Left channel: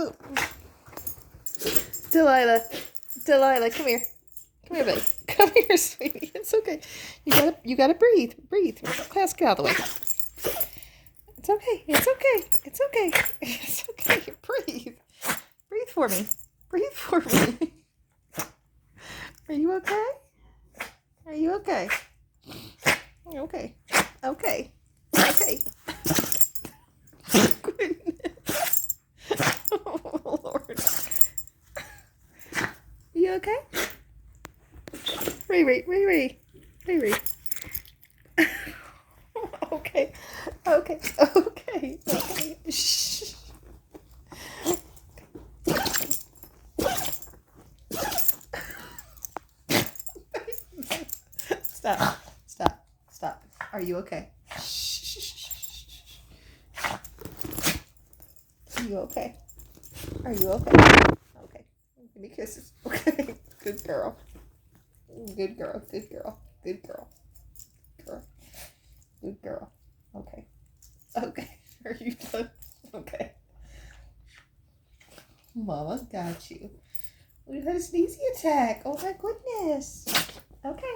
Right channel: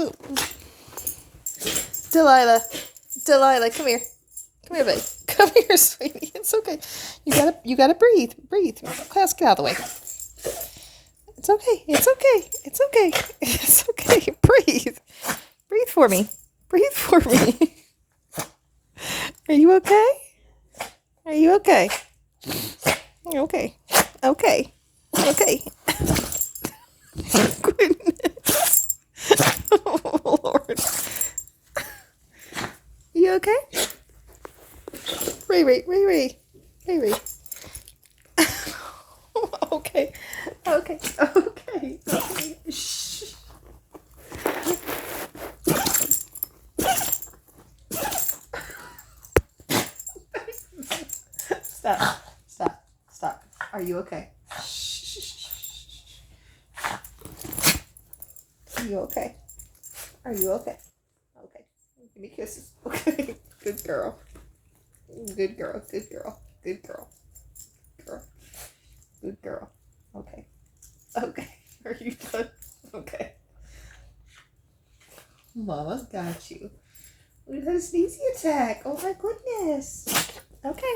Oh. Delilah. Delilah, come here. Come here, buddy. Come here, sweetie. It's okay. You gotta breathe. Breathe. Class, get out of the way. It's okay. It's okay. It's okay. It's okay. Breathe. Breathe for me. Breathe for me. Are you okay? Are you okay? Okay. Okay. Okay. Goodness. Oh, Lord. You okay? Ray. Okay. Okay. Okay. Okay. Shh. Stop. Are you okay? Are you okay? Are you okay? Okay. Give me kisses. Okay. Good girl. Good girl. Good girl. Okay. Are you done? Okay. Mama's got you. We had a sneezy attack. Oh my goodness. Okay.